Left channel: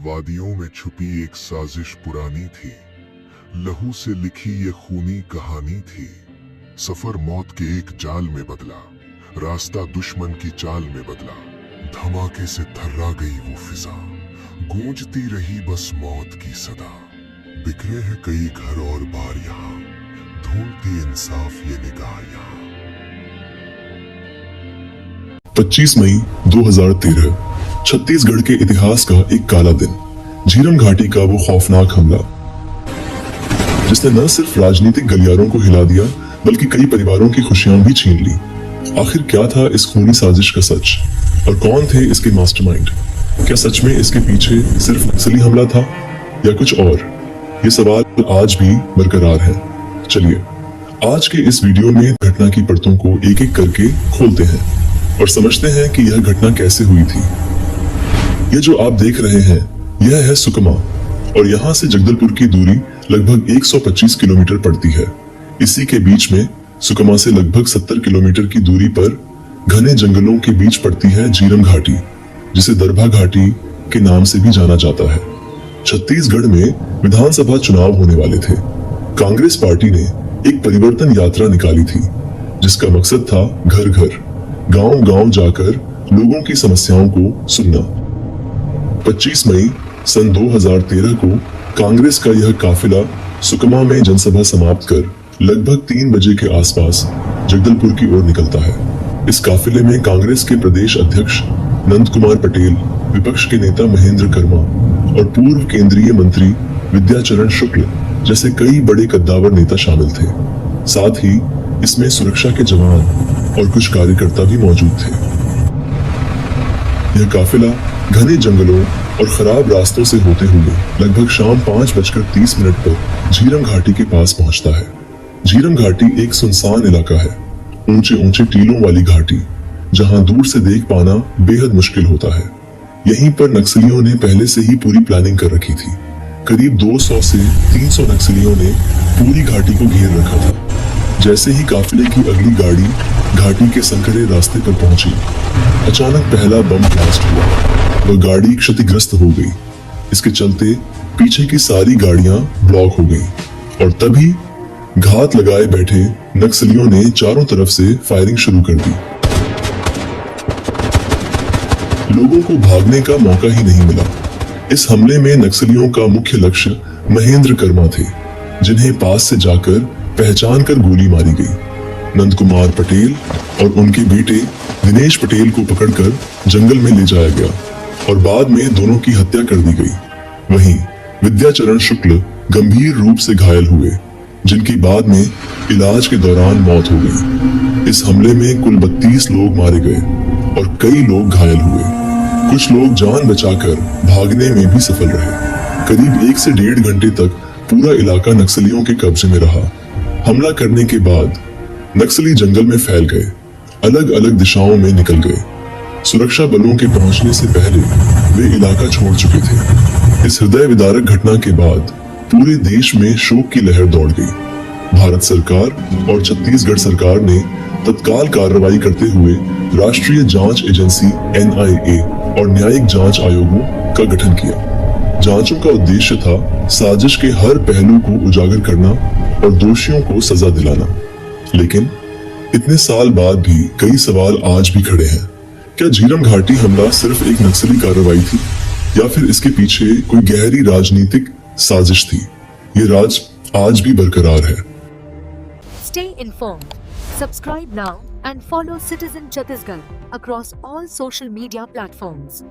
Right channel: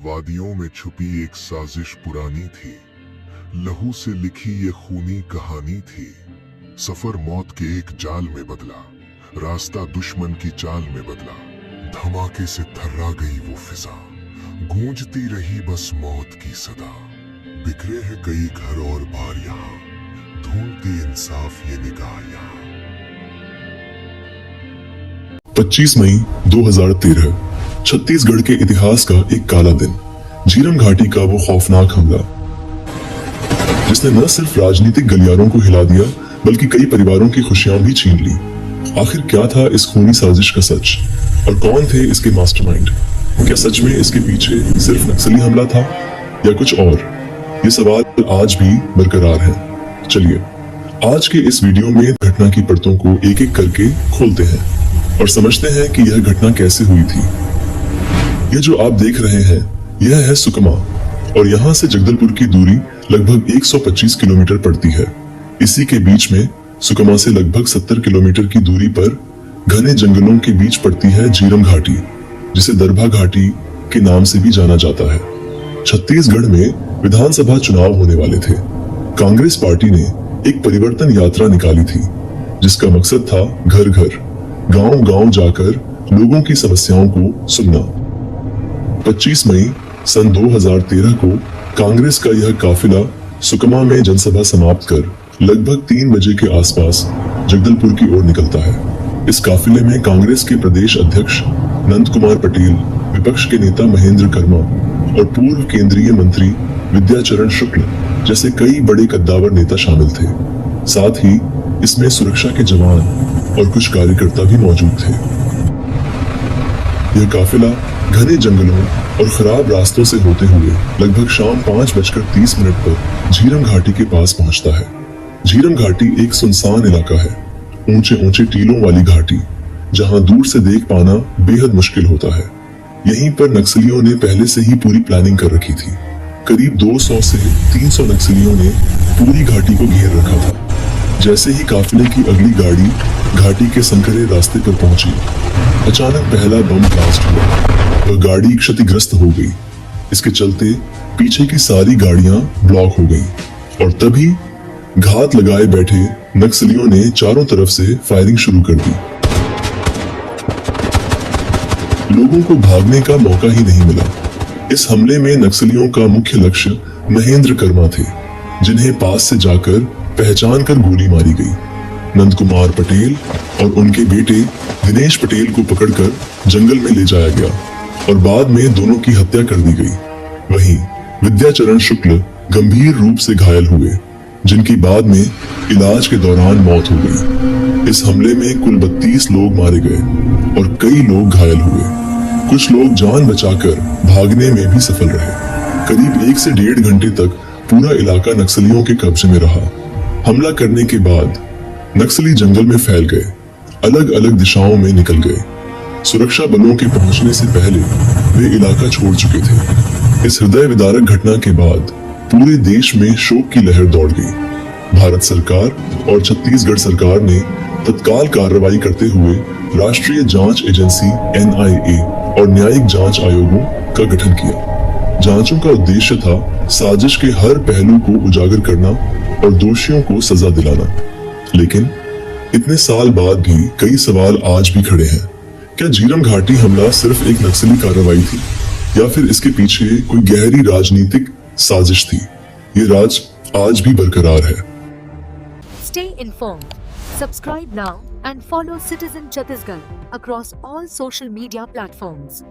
वादियों में छुपी एक साजिश पुरानी थी, लहू से लिखी ये खूनी कहानी थी। सफर मौत के एक जाल में बदला, रास्ता दुश्मन की चाल में बदला। धमाके से थर्रा गई वो फिजा, गूंजती रही बस मौत की सदा। बिखरे हैं कई घर और बार यहाँ, ढूंढती इंसाफ ये निगाह यहाँ। 25 मई 2013 छत्तीसगढ़ के इतिहास का एक काला दिन। झीरम घाटी का वो खौफनाक हमला जिसने न सिर्फ राजनीतिक गलियारों को हिला दिया बल्कि कई परिवारों की खुशियां भी छीन ली। आखिर क्या था इस खूनी साजिश का सच और कौन थे इसके मास्टरमाइंड? क्या सच में इसके पीछे सिर्फ नक्सली हमला था या कुछ और? ये सवाल आज भी बरकरार है। चलिए आज के इस वीडियो में घटना की परतों को एक एक करके खोलते हैं और समझते हैं कि यह घटना कैसे हुई थी। ये जो आप देख रहे हैं यह है सुकमा और यहाँ से जगदलपुर की दूरी लगभग 125 किलोमीटर पड़ती है। इसी के बीच में सुकमा से लगभग 70 किलोमीटर की दूरी पर घने जंगलों के बीच पड़ती है झीरम घाटी, जिसे दरभा घाटी के नाम से भी जाना जाता है। छत्तीसगढ़ में विधानसभा चुनाव होने वाले थे। कांग्रेस पार्टी ने एक परिवर्तन यात्रा निकाली थी जिसका मकसद था घर घर गांव गांव जाकर लोगों की समस्याओं को सुनना। 25 मई सन 2013 को कांग्रेस का यह काफिला सुकमा में जनसभा समाप्त कर लगभग 3 बजे के आसपास जगदलपुर की ओर निकलता है। इस काफिले में कांग्रेस के प्रदेश अध्यक्ष नंद कुमार पटेल, विपक्ष के नेता महेंद्र कर्मा और पूर्व केंद्रीय मंत्री विद्याचरण शुक्ल जैसे कई बड़े कद्दावर नेता शामिल थे। साथ ही इसमें सुरक्षा के जवान और कुछ कार्यकर्ता भी मौजूद थे। यह काफिला घने जंगलों और खराब रास्तों से होते हुए लगभग शाम 5:30 पर झीरम घाटी के पास पहुंचता है। झीरम घाटी एक सुनसान इलाका है, ऊंचे ऊंचे टीलों वाली घाटी जहां दूर से देख पाना बेहद मुश्किल होता है। यहीं पर नक्सलियों ने पहले से ही पूरी प्लानिंग कर रखी थी। करीब 200 से 300 नक्सलियों ने पूरी घाटी को घेर रखा था। जैसे ही काफिले की अगली गाड़ी घाटी के संकरे रास्ते पर पहुंची, अचानक पहला बम ब्लास्ट हुआ। वह गाड़ी क्षतिग्रस्त हो गई। इसके चलते पीछे की सारी गाड़ियां ब्लॉक हो गईं और तभी घात लगाए बैठे नक्सलियों ने चारों तरफ से फायरिंग शुरू कर दी। लोगों को भागने का मौका ही नहीं मिला। इस हमले में नक्सलियों का मुख्य लक्ष्य महेंद्र कर्मा थे, जिन्हें पास से जाकर पहचान कर गोली मारी गई। नंद कुमार पटेल और उनके बेटे दिनेश पटेल को पकड़कर जंगल में ले जाया गया और बाद में दोनों की हत्या कर दी गई। वहीं विद्याचरण शुक्ल गंभीर रूप से घायल हुए, जिनकी बाद में इलाज के दौरान मौत हो गई। इस हमले में कुल 32 लोग मारे गए और कई लोग घायल हुए। कुछ लोग जान बचाकर भागने में भी सफल रहे। करीब 1 से 1.5 घंटे तक पूरा इलाका नक्सलियों के कब्जे में रहा। हमला करने के बाद नक्सली जंगल में फैल गए, अलग अलग दिशाओं में निकल गए। सुरक्षा बलों के पहुंचने से पहले वे इलाका छोड़ चुके थे। इस हृदय विदारक घटना के बाद पूरे देश में शोक की लहर दौड़ गई। भारत सरकार और छत्तीसगढ़ सरकार ने तत्काल कार्रवाई करते हुए राष्ट्रीय जांच एजेंसी NIA और न्यायिक जांच आयोगों का गठन किया। जांचों का उद्देश्य था साजिश के हर पहलू को उजागर करना और दोषियों को सजा दिलाना। लेकिन इतने साल बाद भी कई सवाल आज भी खड़े हैं। क्या झीरम घाटी हमला सिर्फ एक नक्सली कार्रवाई थी या फिर इसके पीछे कोई गहरी राजनीतिक साजिश थी? ये राज आज भी बरकरार है। Stay informed. Subscribe now and follow Citizen Chhattisgarh across all social media platforms.